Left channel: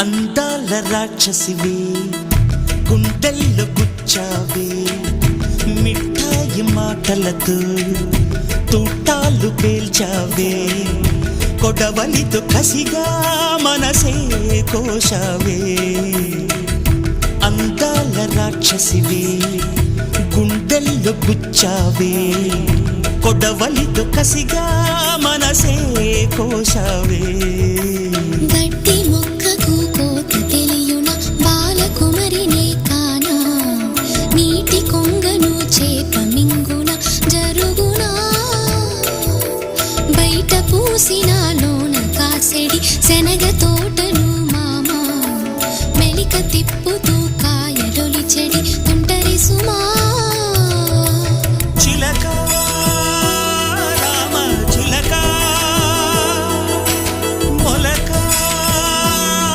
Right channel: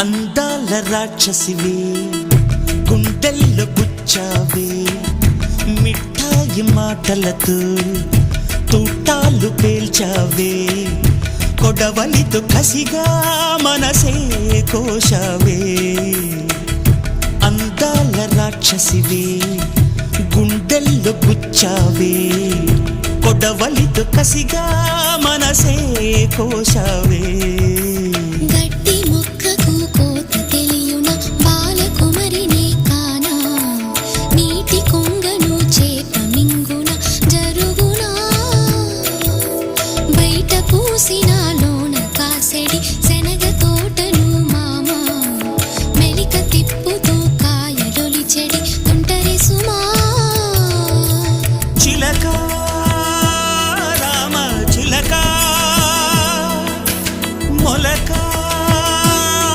అందాల రాక్షసివే గుండెల్లో గుచ్చావే మిఠాయి మాటలతో తూటాలు పేల్చావే కొడవలితో కసిగా మనసే కోశావే అందాల రాక్షసివే గుండెల్లో గుచ్చావే కొడవలితో కసిగా మనసే కోశావే